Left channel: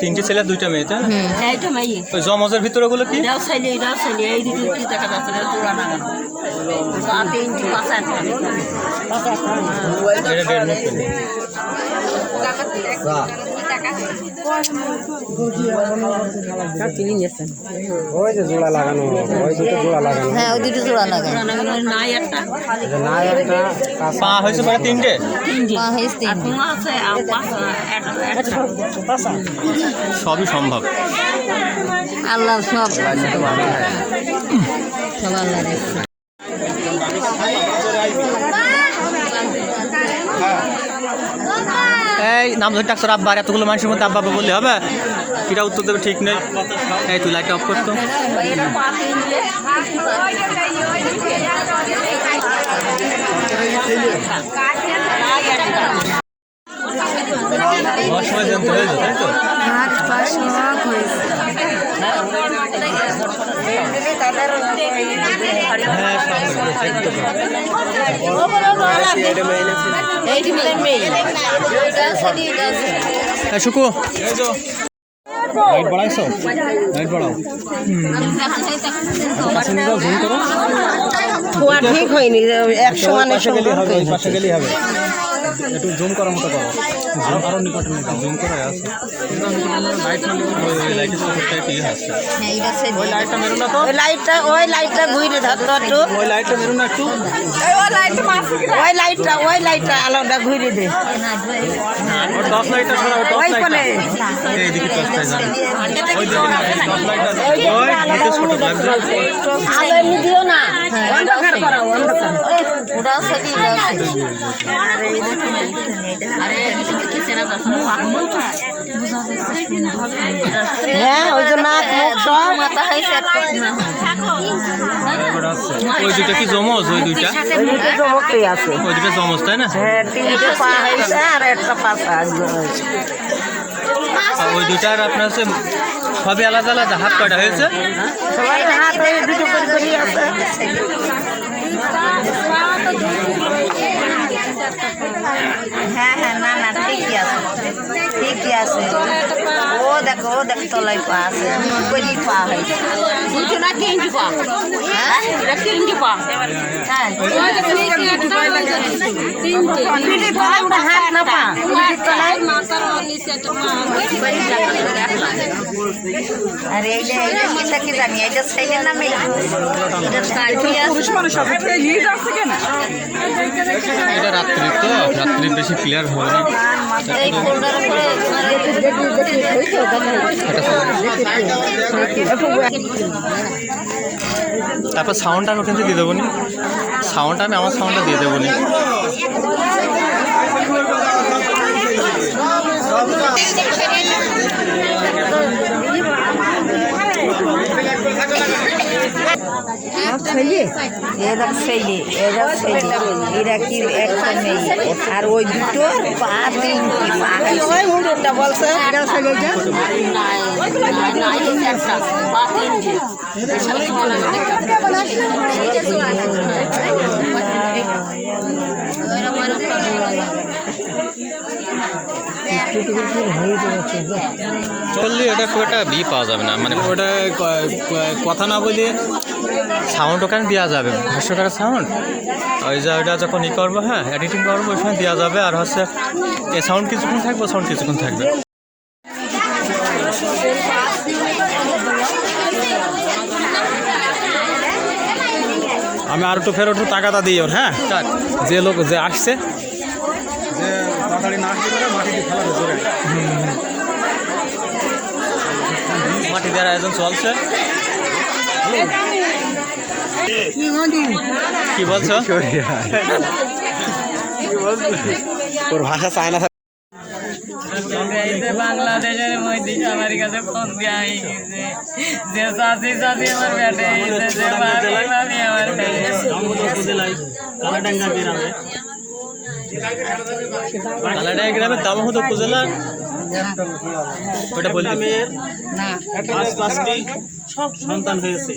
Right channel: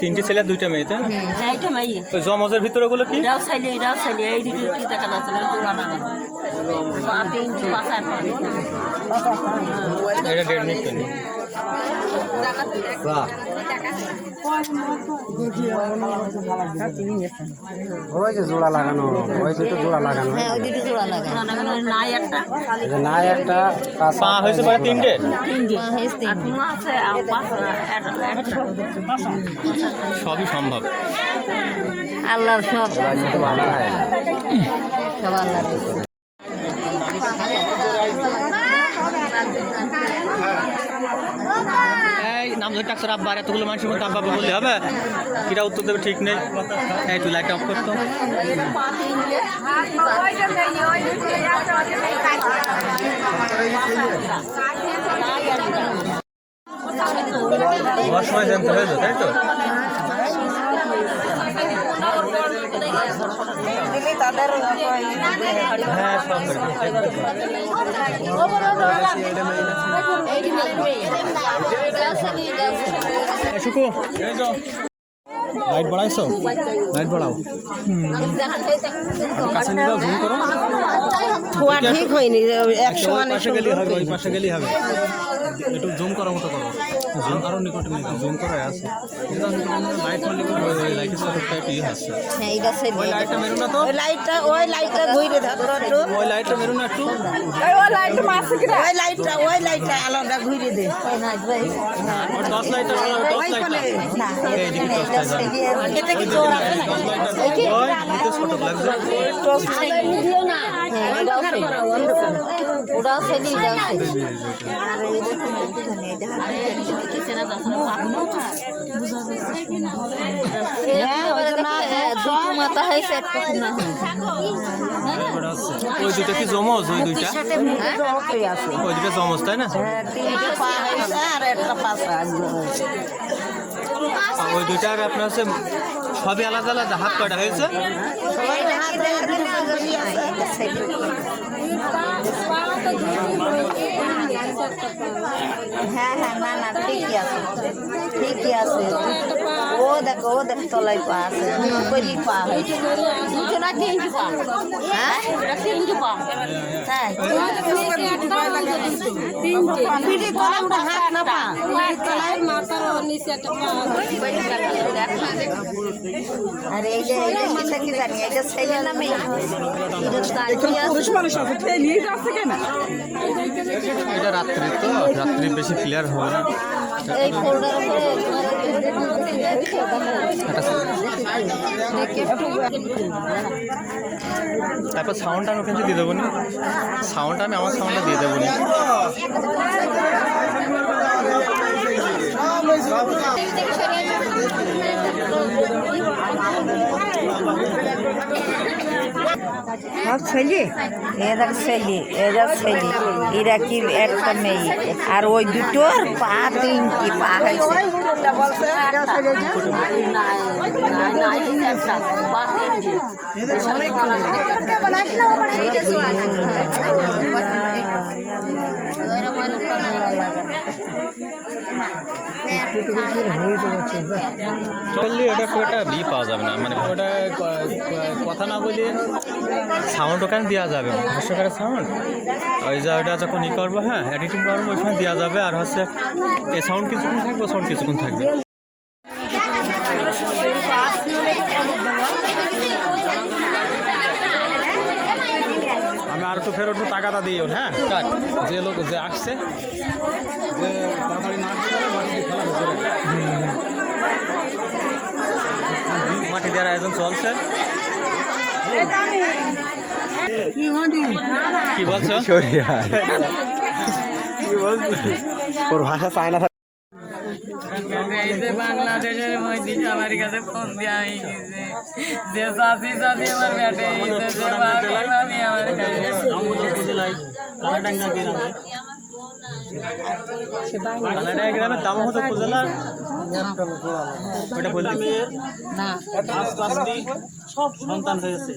তিনটে ছেলে দুইটা মেয়ে তো এইটা মেয়ে তো জমজের ভিতরে ওগুলো কি এটাও ছেলে এই দুটো কি দেখা যাচ্ছে এটা তোলা না তিনটি পাঁচা ওই যে জোড়া লাগানো ওই দুটো জোড়া লাগানো হ্যাঁ ওই দুটো জোড়া লাগানো নাই একটা নাই একটা পা হয়েছে মানে তিনটে পা হয়েছে তিনটে আছে আর পাঁচা সবই সম্ভব আল্লাহ সব এই নাম ধরে ডাক্তার আব্বা আর এতগুলো মানুষের মধ্যে আব্বা বললে হবে এটা উত্তর দেবে ঠিক নেই এই তুই লাইট অফ করতো সময় জানতে হয়েছে তাই তো শুকু লাইট বাড়াইছো লাইট বাড়াও ঠিক হয়নি 100 মানে পাশে গেলেই হবে একটু জুম করার মতো করো আরো নিকটে নিয়ে জুম করা আছে ওই লাইটটা ঘুরে ধরতো একটু ওই লাইটটা মেরুন একটু ওই লাইটটা আলোটা ঘুরে দে ওই 10 লাইটটা সরাও 10 লাইটটা এইদিকে 10 লাইটটা ওই দেখুন 10 লাইটটা ওই নিচে ছোট লাগবে আলো এমনি দিও না অন্ধকার করাও অন্ধকার হ্যাঁ ওই জন্য সব মাথা হয়েছে ওই দুইটা কি জমজ ওই দুইটা জমকই আছে ওই দুইটা জমজ তাই না হ্যাঁ তিনটে পা হয়েছে আর একটা পাশা ওই দুইটার আপনার হচ্ছে সবই আলাদা আলাদা হাত কাটা হয়েছে সবাই হাত ওই দুটো করে করে আছে হ্যাঁ না না ঠিকই আছে ও দেখো তলায় পা আছে কই পা হয়েছে দুটো না তিনটি পা হ্যাঁ এটা তিনটি পা হ্যাঁ তিনটি পা ওটা হাত না পা তলায় মাথার নিচে একটা পা আরে এই যে এটা কি জানি এটা ছেলে না মেয়ে এটা সাইডে আছে এটা রাত্রি তো রাত্রি বেশি ক্লিয়ার হবে না এই ফোল্ডার তারপর সাউন্ডটা আমি ওখান থেকে দিয়ে দেবো নি সাউন্ডটা আমি আমার সাউন্ডটা দিয়ে দেবো নি এরা ছেলে এরা কি একটা মেয়ে আর ওই দুটো পা তিনটি পা বলছে চললি এটা খুব একটা বি পাওয়া যাবে না মানে ওটা কথা না বলে সাউন্ড ওখানে দেওয়া যাবে ভাষ্যকারের সাউন্ড ওই যে ওটা যখন ই করবো হ্যাঁ এডিটিং করবো ওইখানে দেওয়া যাবে আর হচ্ছে এই সাউন্ড কিছুক্ষণ থাকবে সাউন্ড কিছুক্ষণ থাকবে আমি আর একটু ফের একটু টাকাটা দিই ওর হ্যাঁ যে লোক যে আসছে যে তাড়াতাড়ি না আসতে পারে মাটি দিয়ে ফেলা ধরে মাটি দেওয়ার আয়োজন চলছে কি বলছো তোর ভাষা চায় না বাংলাদেশের মধ্যে আমার কাছে ফোন দেওয়া হয়ে গেছে যে চাষি চাষি আমার বেটে ভাবি আমার কালাডাঙ্গা গ্রামের দামোহদ উপজেলা ওটা বলতে সব সন্তান হয়েছে।